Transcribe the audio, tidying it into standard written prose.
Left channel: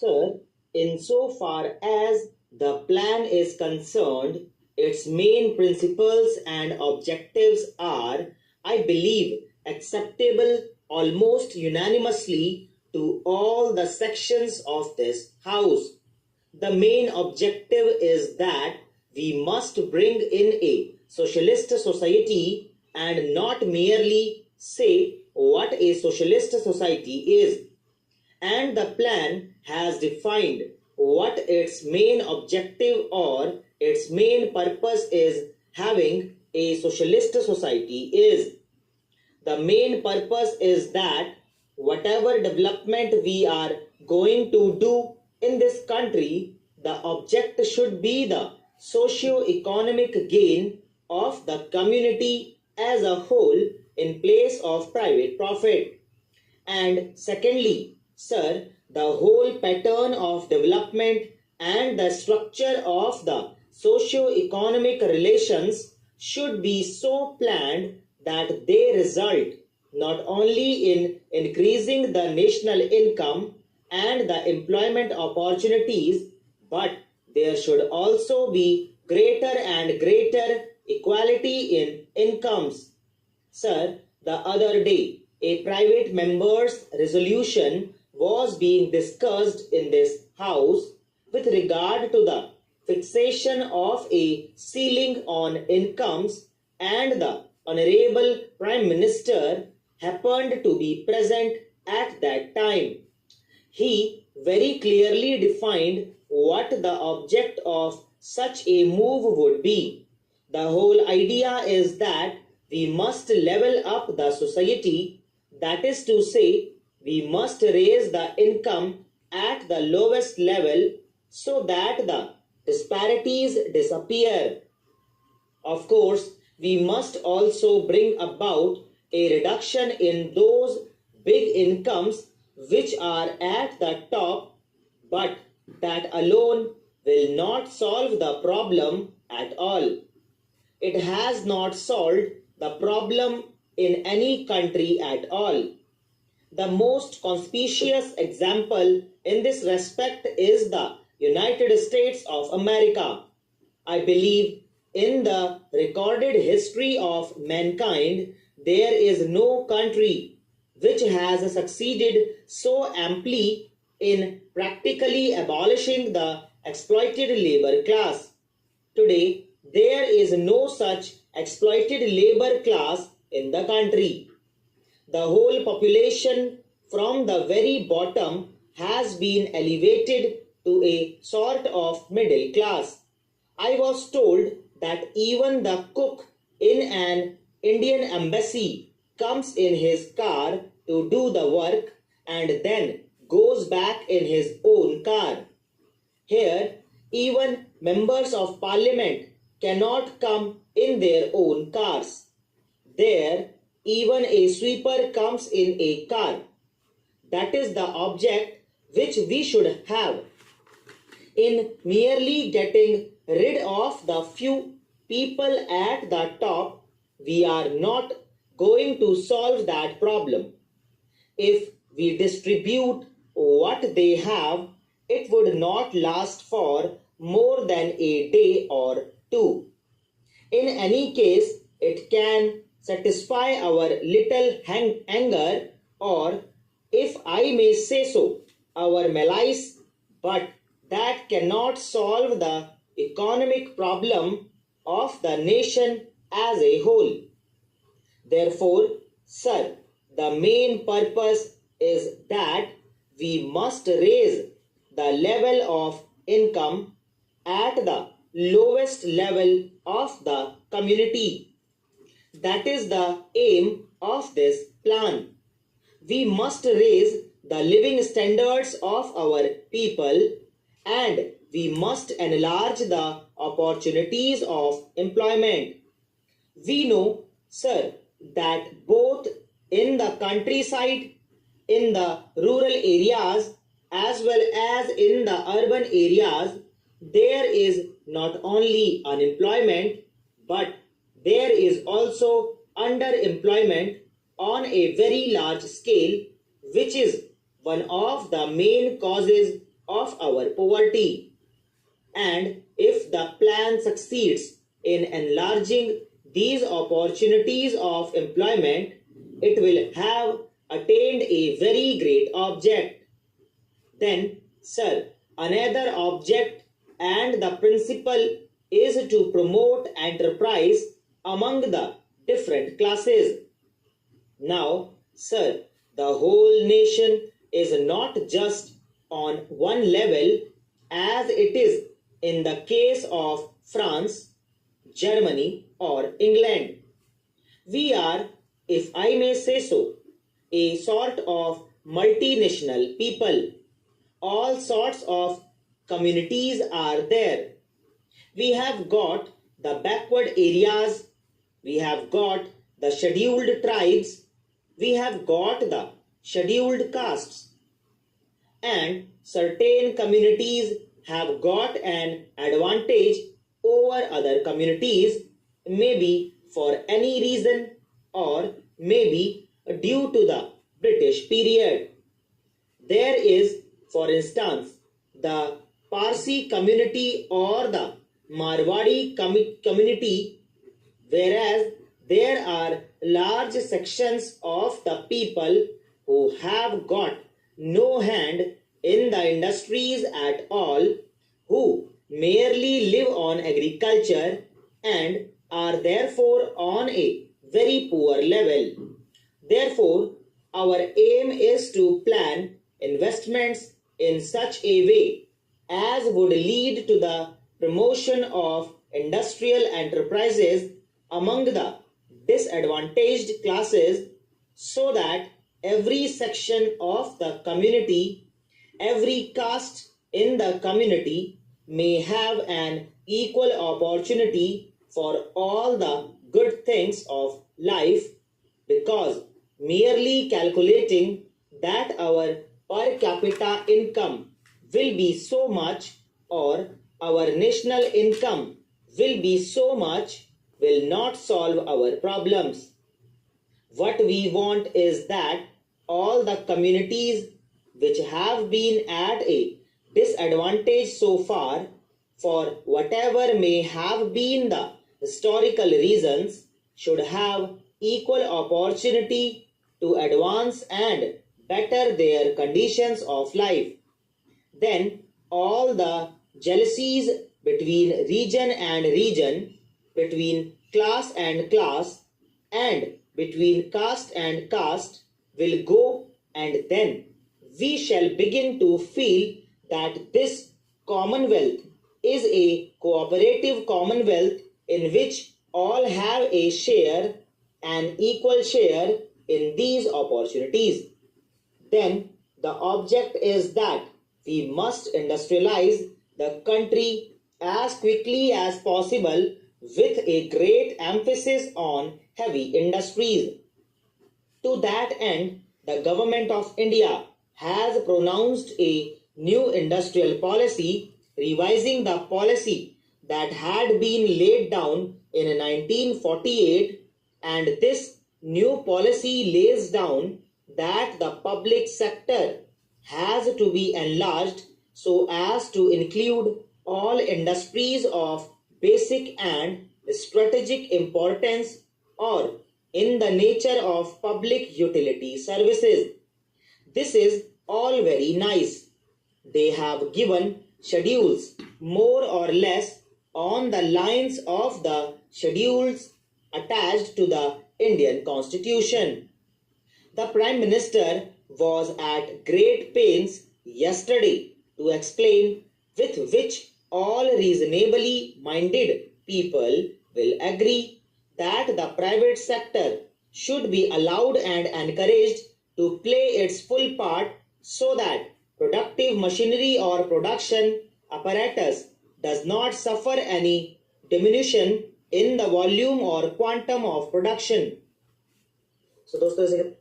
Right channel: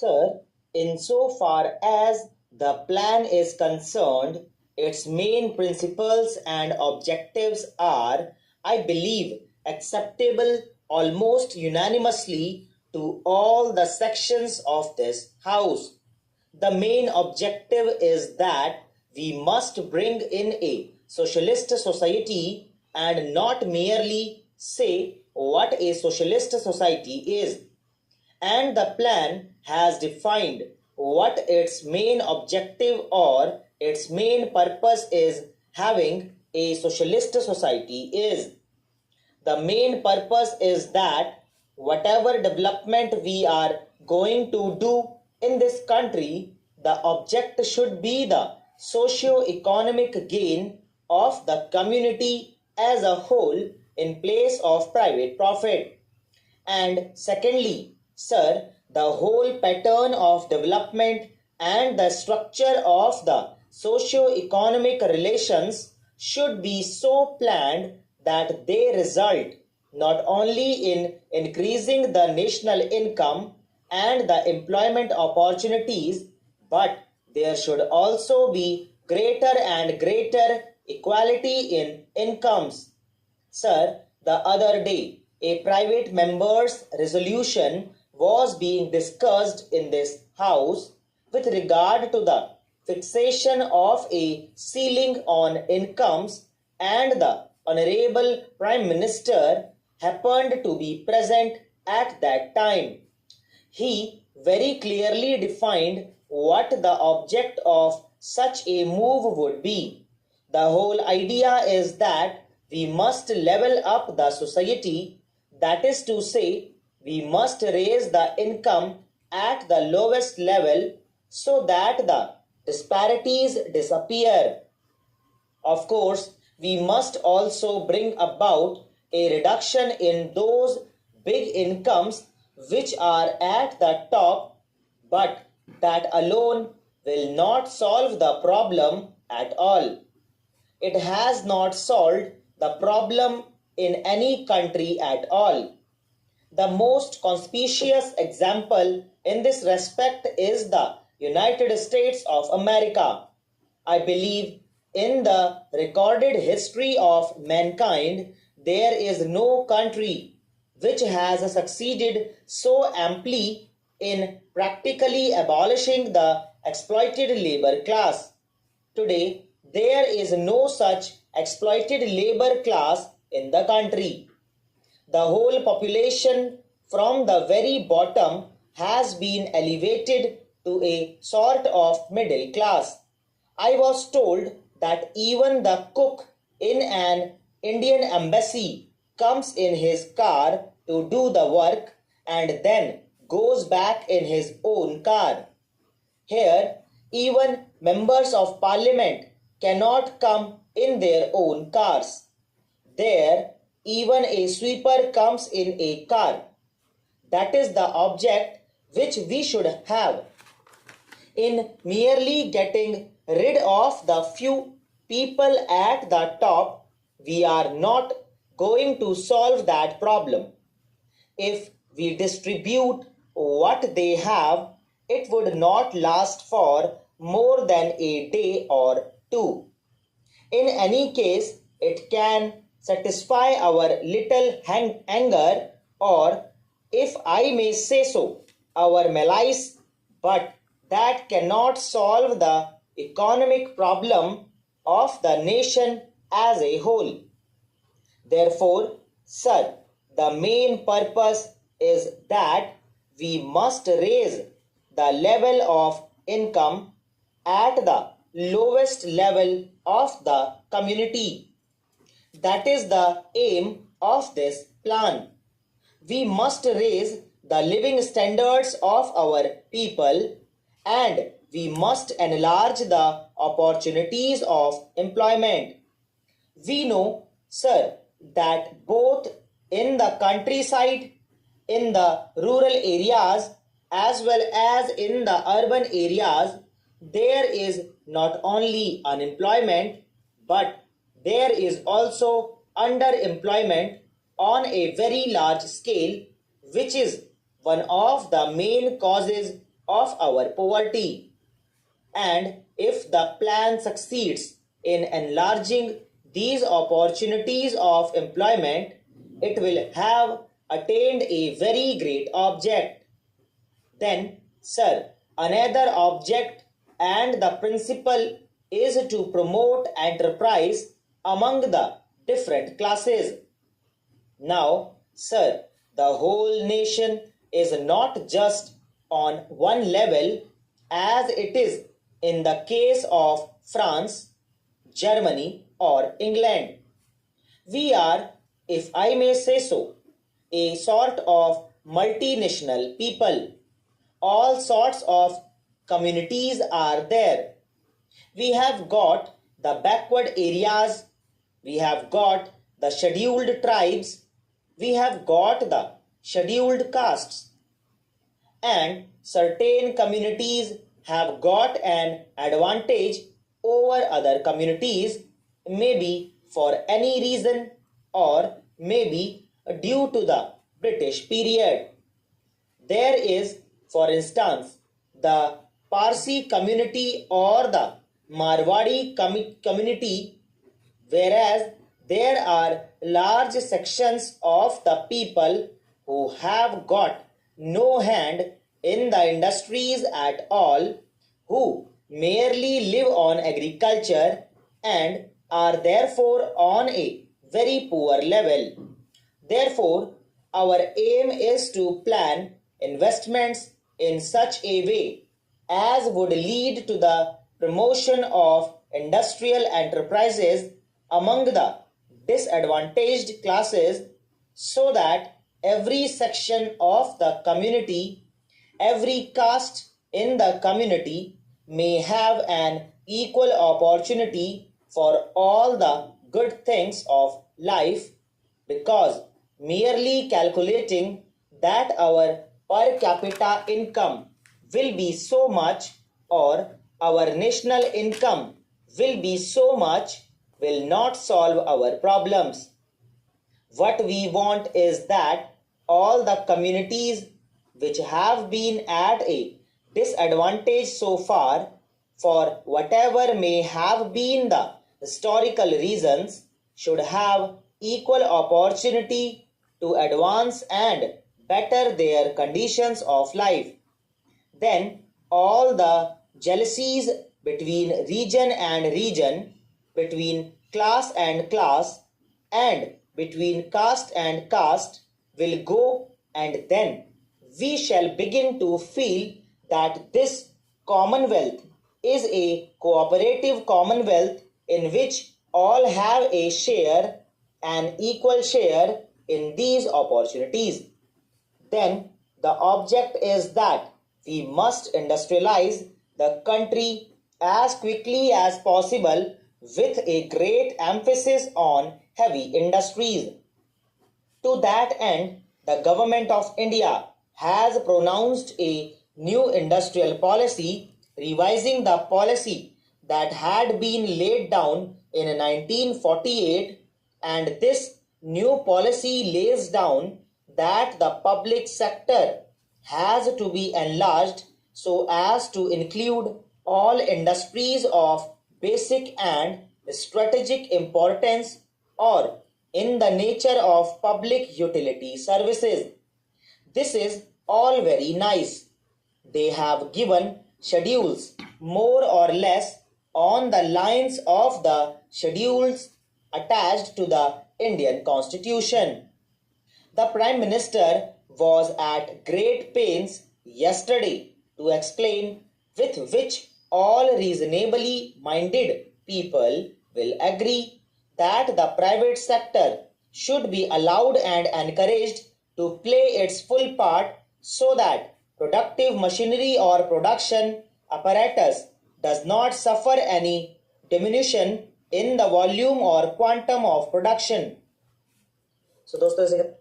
Sir, insofar as the plan is concerned, its main principles and objectives are, I believe, acceptable almost unanimously to all the sections of this House. The main objective is that we must bring in a socialist society and not merely say what a socialist society is, and the plan has defined what its main objective or its main purpose is having a socialist society is. The main purpose is that whatever development we are going to do in this country, the object should be the socio-economic gain of the community as a whole in place of private profit. And secondly, sir, the whole pattern of development and the structure of the socio-economic relations should be so planned that they result not only in increasing the national income and the employment opportunities, but there should also be greater and greater equality in incomes. Sir, the other day, a private member's resolution was being discussed in this House with regard to the fixation of a ceiling on incomes, and the Honorable Prime Minister happened to be present at that time. He very clearly defined what the object of such a move would be. The whole idea is that we must level up the society, that is to say, we must raise the income at the lowest level so that the disparities disappear. Of course, we must also bring about a reduction in those big incomes which are at the top, but that alone will not solve the problem at all. It has not solved the problem in any country at all. The most conspicuous example in this respect is the United States of America. I believe in the recorded history of mankind, there is no country which has succeeded so amply in practically abolishing the exploited labor class. Today, there is no such exploited labor class in the country. The whole population from the very bottom has been elevated to a sort of middle class. I was told that even the cook in an Indian embassy comes in his car to do the work and then goes back in his own car. Here, even members of parliament cannot come in their own cars. There, even a sweeper comes in a car. That is the object which we should have. In merely getting rid of the few people at the top, we are not going to solve that problem. If we distribute what they have, it would not last for more than a day or two. In any case, it can satisfy our little anger, or, if I may say so, our malice, but that cannot solve the economic problem of the nation as a whole. Therefore, sir, the main purpose is that we must raise the level of income at the lowest level of the community. That is the aim of this plan. We must raise the living standards of our people, and we must enlarge the opportunities of employment. We know, sir, that both in the countryside, in the rural areas, as well as in the urban areas, there is not only unemployment, but there is also underemployment on a very large scale, which is one of the main causes of our poverty. And if the plan succeeds in enlarging these opportunities of employment, it will have attained a very great object. Then, sir, another object and the principle is to promote enterprise among the different classes. Now, sir, the whole nation is not just on one level as it is in the case of France, Germany, or England. We are, if I may say so, a sort of multinational people. All sorts of communities are there. We have got the backward areas, we have got the scheduled tribes, we have got the scheduled castes, and certain communities have got an advantage over other communities, maybe for any reason or maybe due to the British period. There is, for instance, the Parsi community or the Marwadi community, whereas there are large sections of the people who have got no hand in the industries at all, who merely live on agriculture and are therefore on a very poor level. Therefore, our aim is to plan investments in such a way as would lead to the promotion of industrial enterprises among the disadvantaged classes, so that every section of the community, every caste in the community may have an equal opportunity for all the good things of life, because merely calculating that our per capita income will be so much or our national income will be so much will not solve our problems. What we want is that all the communities which have been at a disadvantage so far, for whatever may have been the historical reasons, should have equal opportunity to advance and better their conditions of life. Then all the jealousies between region and region, between class and class, and between caste and caste will go, and then we shall begin to feel that this commonwealth is a cooperative commonwealth in which all have a share, an equal share in these opportunities. Then the object is that we must industrialize the country as quickly as possible with a great emphasis on heavy industries. To that end, the government of India has pronounced a new industrial policy, revising the policy that had been laid down in 1948, and this new policy lays down that the public sector has to be enlarged so as to include all industries of basic and strategic importance or in the nature of public utility services. This is all very nice. They have given schedules more or less on the lines of the schedules attached to the Indian Constitution. The Prime Minister was at great pains yesterday to explain, with which all reasonably minded people will agree, that the private sector should be allowed and encouraged to play its full part, so that productive machinery or production apparatus does not suffer any diminution in the volume or quantum of production. So दोस्तों